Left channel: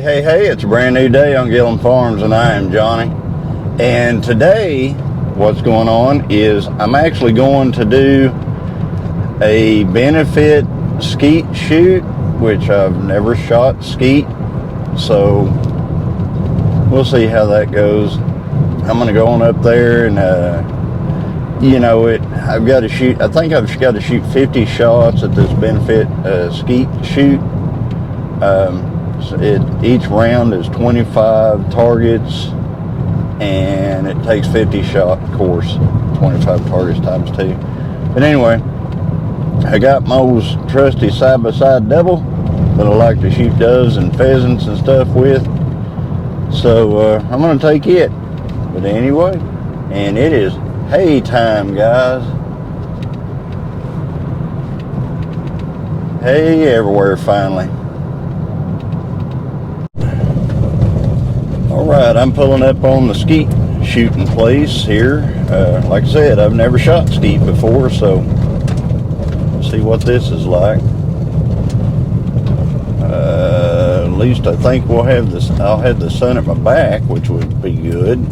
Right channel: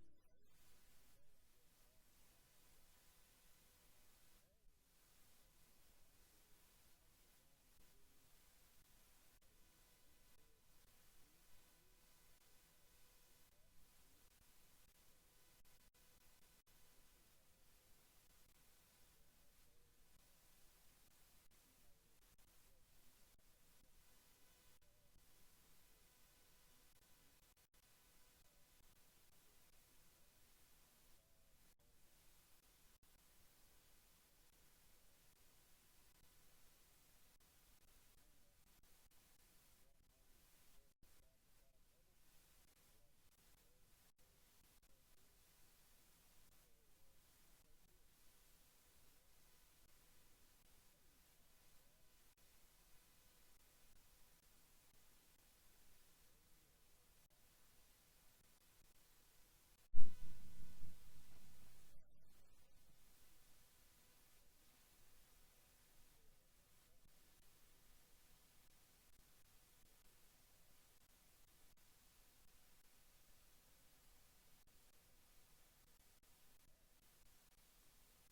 Hey, it's a brand new day on Gillum Farms and I am Johnny. And today, what's going on is I'm actually going to do a benefit skeet shoot, which I've never shot skeet. So we'll see how that goes. I'm going to go on up there and, I've got to shoot, I think I've got to shoot 50 shots at this benefit skeet shoot. Each round is 25 targets, and it takes 50 shot course, 25 targets times 2. But anyway, I got my old trusty side-by-side double that I like to shoot doves and pheasants and stuff with. So I'm going to take it. But anyway, and it is hay time, guys. Hay everywhere finally. Alright, I'm pulling up on the skeet shooting place here. Like I said, I've never shot skeet before, so let's see what this is like. At least I think we'll have this. I'll have the sun at my back, which would be good.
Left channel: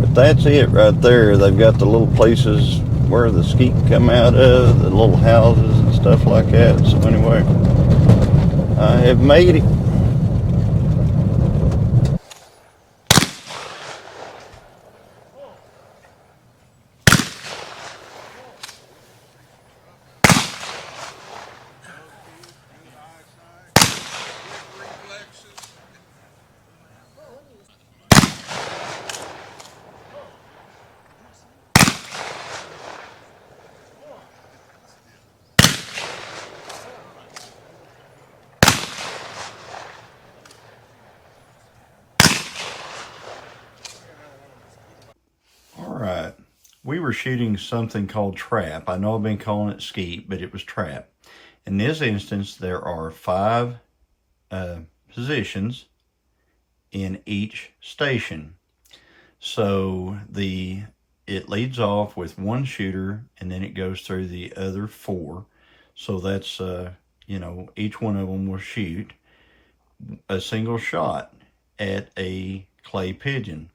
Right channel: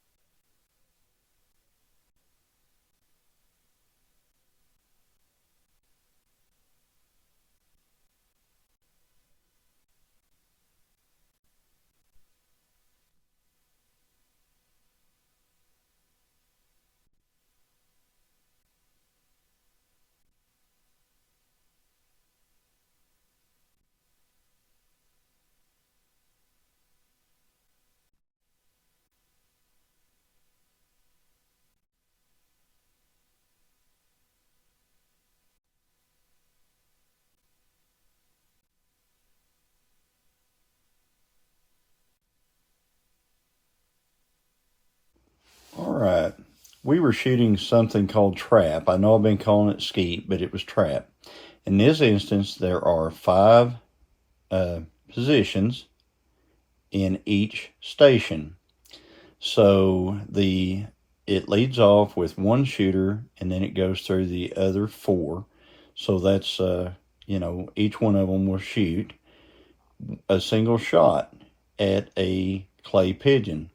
But that's it right there. They've got the little places where the skeet come out of, the little houses and stuff like that. So anyway, I have made it. Alright, we were shooting something called trap. I know I've been calling it skeet, but it was trap. In this instance, there are 5 positions in each station. So it leads off with 1 shooter, and then it goes through the other 4. So that's, each one of them will shoot a single shot at a clay pigeon.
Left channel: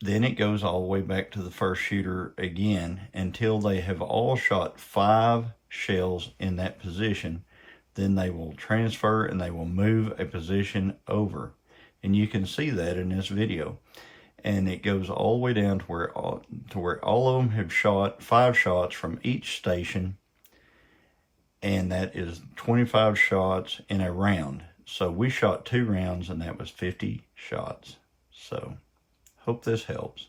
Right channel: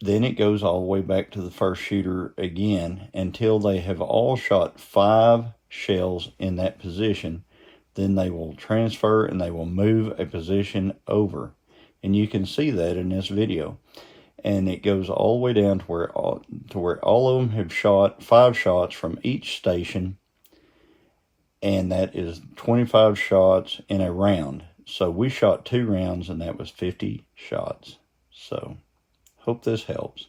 Then it goes all the way back to the first shooter again until they have all shot 5 shells in that position. Then they will transfer and they will move a position over. And you can see that in this video. And it goes all the way down to where all of them have shot 5 shots from each station. And that is 25 shots in a round. So we shot 2 rounds and that was 50 shots. So hope this helps.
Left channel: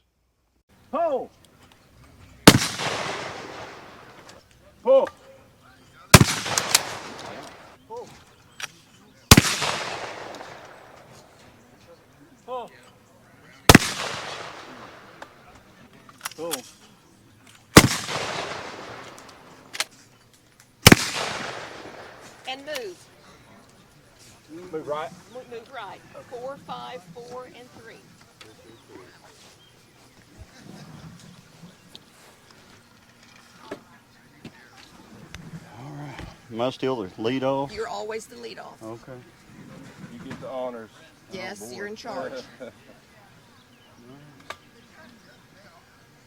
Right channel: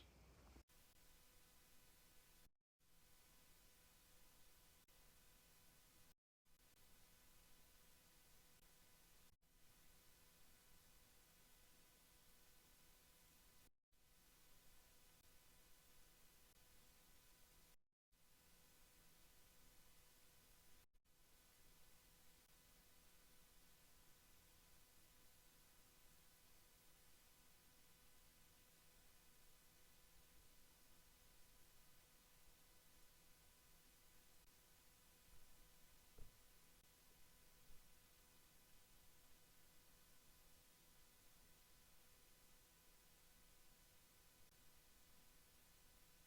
Pull! Pull! Pull! Pull! Pull! And move. Move right. Move right. 4, 5, 4, and 3. Am I still the lead off? You're always the lead off. Okay. You get the honors. Yes, you're in charge.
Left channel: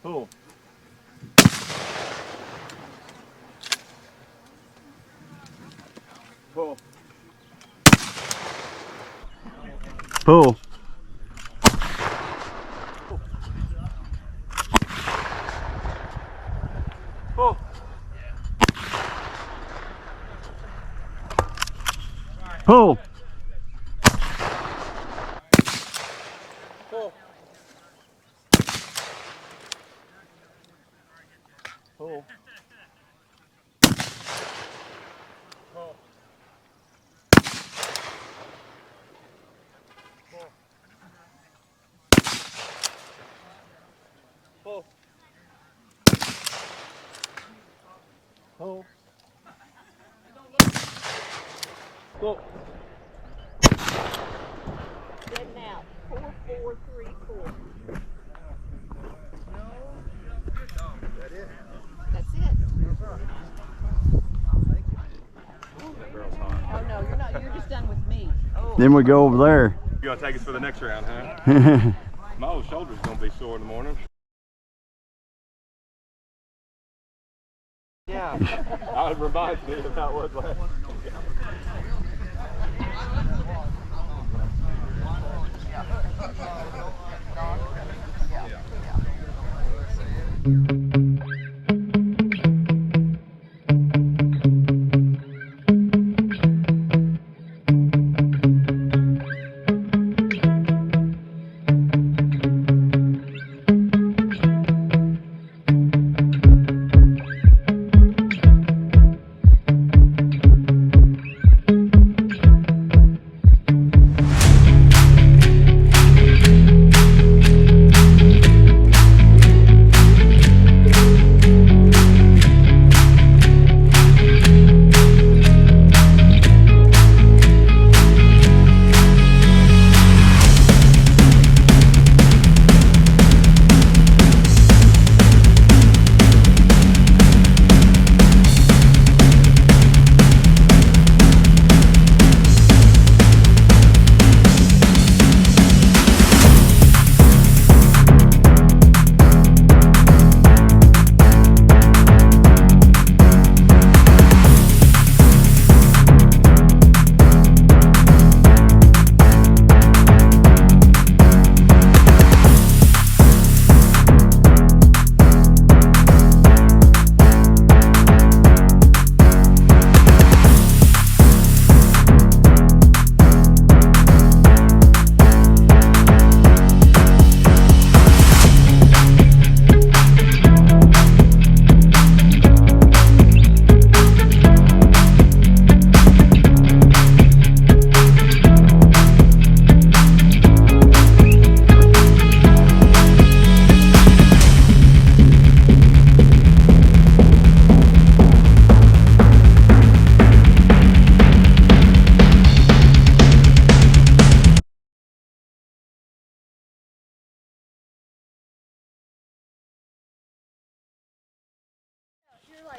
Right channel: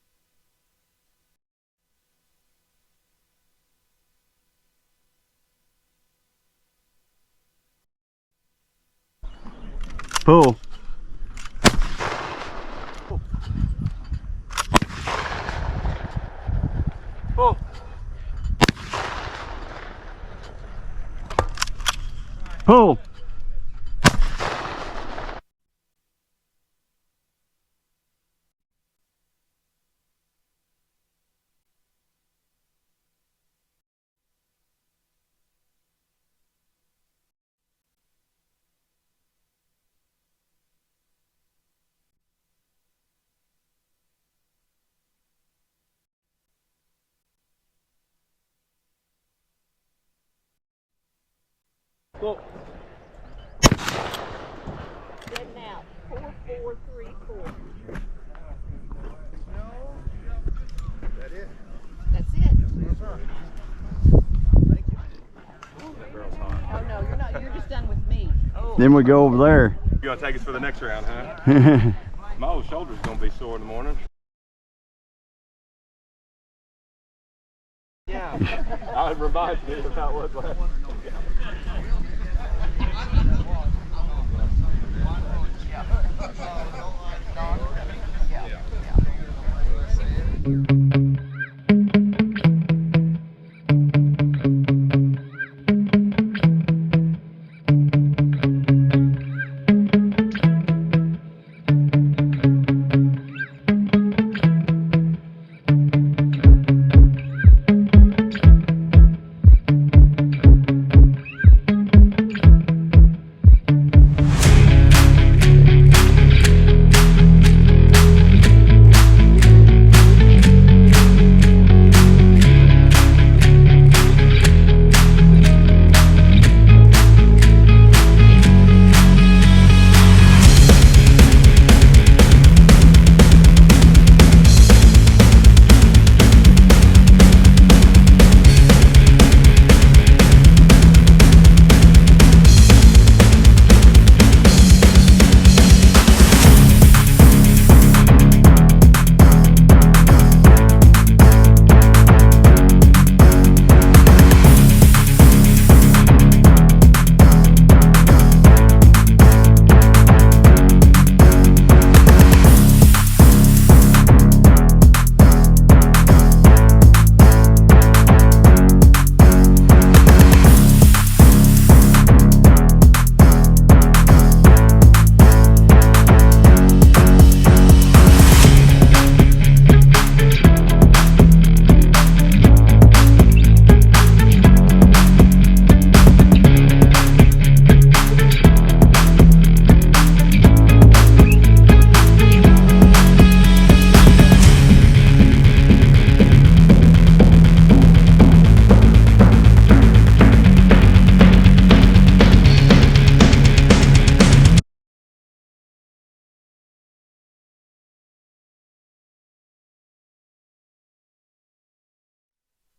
Pull. Pull. Pull. Pull. Pull. Pull. Pull. Pull. Pull. Pull. Pull. Dead now. 4, 4, 3, 4. That it? That's it. That's right. Thank you. Oh no, you're not. You're just done with Then we go over there. You gonna take us for the next round, huh? My old shoulder's gonna be sore in the morning. Yeah. It reminds me of how it was last.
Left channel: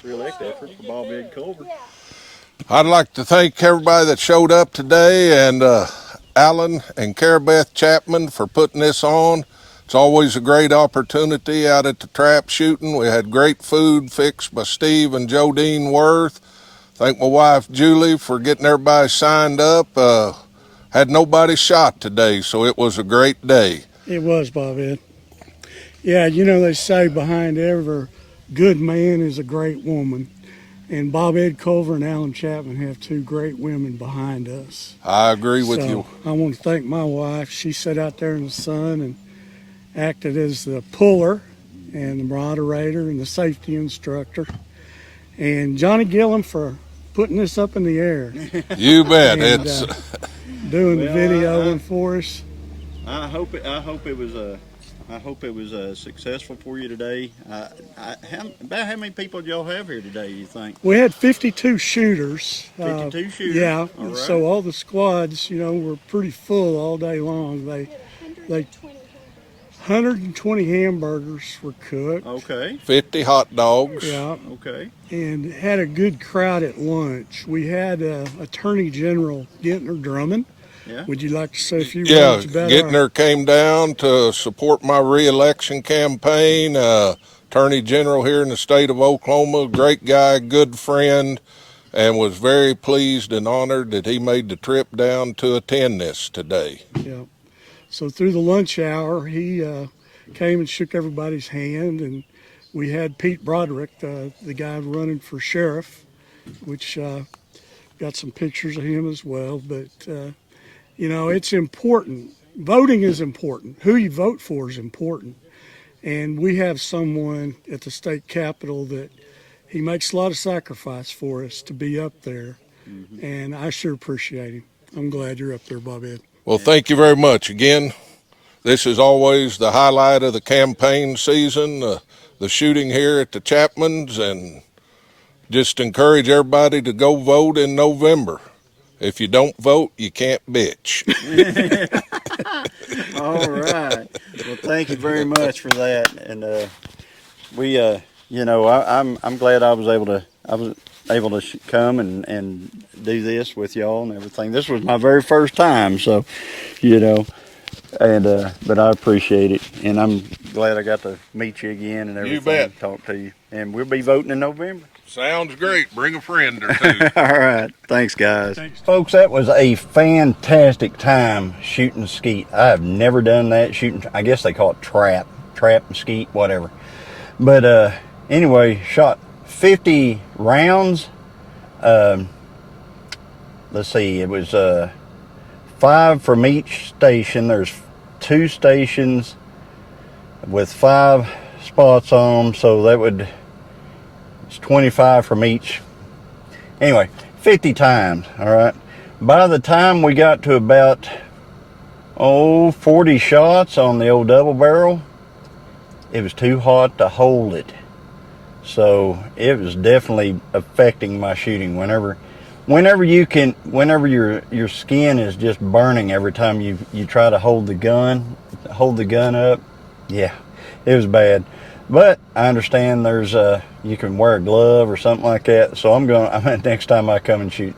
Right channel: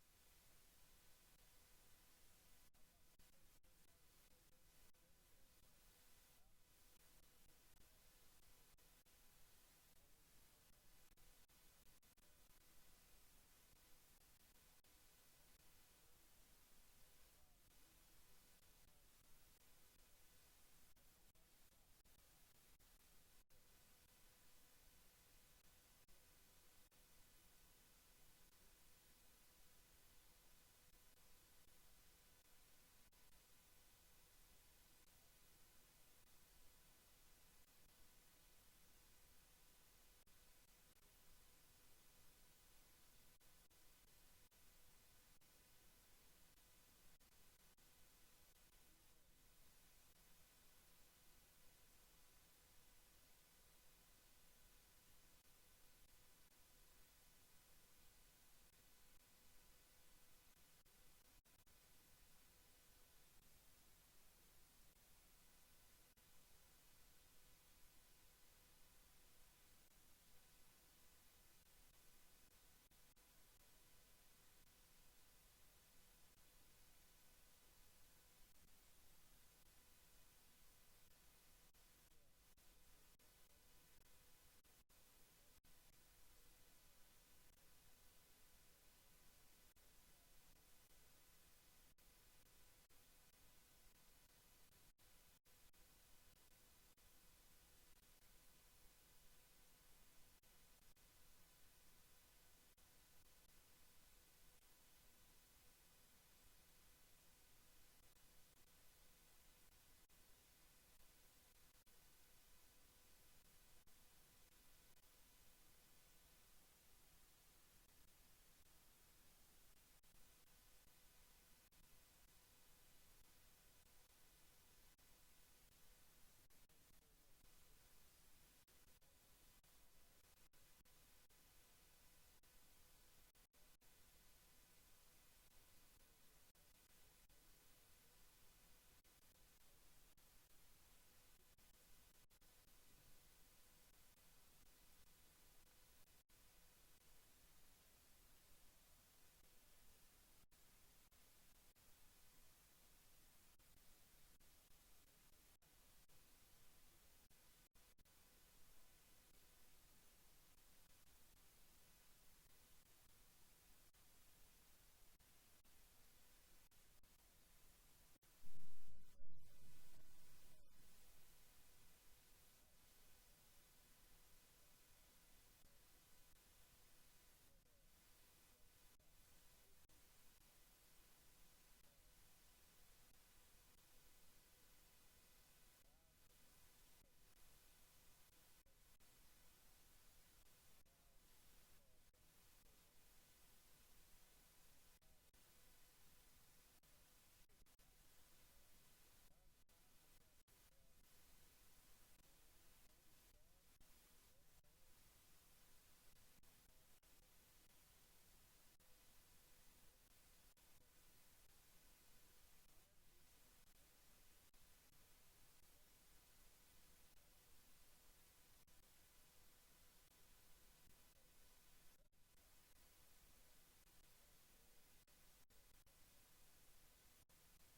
Reelect effort for Bob Ed Culver. I'd like to thank everybody that showed up today and Allen and Chapman for putting this on. It's always a great opportunity out at the trap shooting. We had great food fixed by Steve and Jodine Worth. Thank my wife Julie for getting everybody signed up. Had nobody shot today, so it was a great day. It was, Bob Ed. Yeah, you know, they say behind every good man is a great woman. And Bob Ed Culver and Allen Chapman have two great women behind us. I agree with you. I want to thank my wife. She sat out there in the sun and acted as the puller and the moderator and the safety instructor. And Johnny Gillum for putting this up in the air. You bet. And, It's doing the videoing for us. I hope it was successful for you today. About how many people did y'all have here today, you think? We had 52 shooters. 52 shooters? Yeah, all right. So all the squads, you know, were pretty full all day long. They 120 hamburgers were cooked. Okay. 50 hot dogs. Yeah, Okay. and had a good crowd at lunch. We had Attorney General Gentner Drummond. Yeah. Would you like to say a few Yeah, words about Gittner came down to support my re-election campaign. Attorney General here in the state of Oklahoma, great guy, good friend, and was very pleased and honored that he made the trip down to attend this today. Yeah. So through the lunch hour, he came and shook everybody's hand, and we had Pete Broderick, the guy running for sheriff, which got some pictures of him as well. But you know, it's important. Voting is important. Who you vote for is important. And we have someone at the state capitol that he makes a lot of sacrifice for us to be up there. Mm-hmm. And I sure appreciate him. I'm glad you're up there, Bob Ed. Well, thank you very much. Again, this is always the highlight of the campaign season, the shooting here at the Chapmans, and just encourage everybody to go vote in November. If you don't vote, you can't bitch. All right. Well, thank you very much for that. And we, you know, I'm glad I was able to. able to come and do this with y'all and everything. This was my very first time, so, you know, and but I appreciate it, and I'm glad I got to meet you again and everything. You bet. Talk to you, and we'll be voting in November. Sounds great. Bring a friend or two. All right. Thanks, guys. Thanks. Folks, that was a fantastic time shooting skeet. I have never done that shooting. I guess they call it trap and skeet, whatever. But anyway, shot 50 rounds. Let's see, it was 5 from each station. There's 2 stations with 5 spots on them, so that would, it's 25 from each. Anyway, 50 times, all right. By the time we got to about 40 shots on the old double barrel, it was too hot to hold it. So it was definitely affecting my shooting. Whenever your skin is just burning every time you try to hold the gun up, yeah, it was bad. But I understand there's you can wear a glove or something like that. So next time I come and shoot,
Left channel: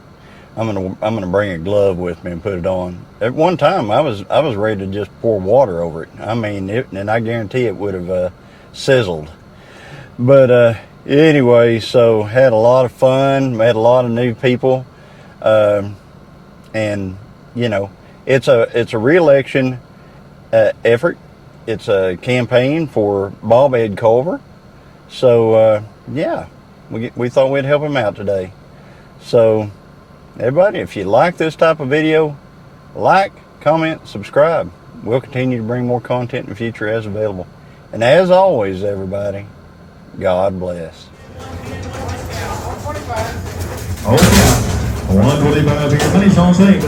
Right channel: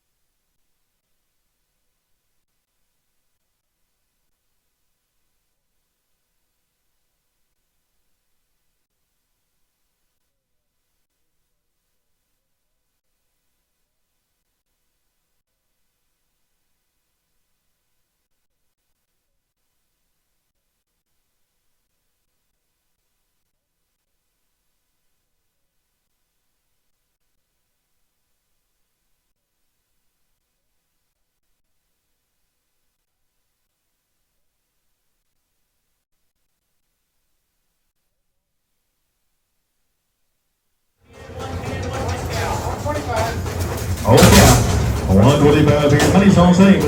I'm gonna bring a glove with me and put it on. At one time I was ready to just pour water over it. I mean, and I guarantee it would have sizzled. But anyway, so had a lot of fun, met a lot of new people, and you know, it's a re-election effort. It's a campaign for Bob Ed Culver. So yeah, we thought we'd help him out today. So everybody, if you like this type of video, like, comment, subscribe. We'll continue to bring more content in the future as available. And as always, everybody, God bless. Oh, yeah. 125 here. Money's on scene.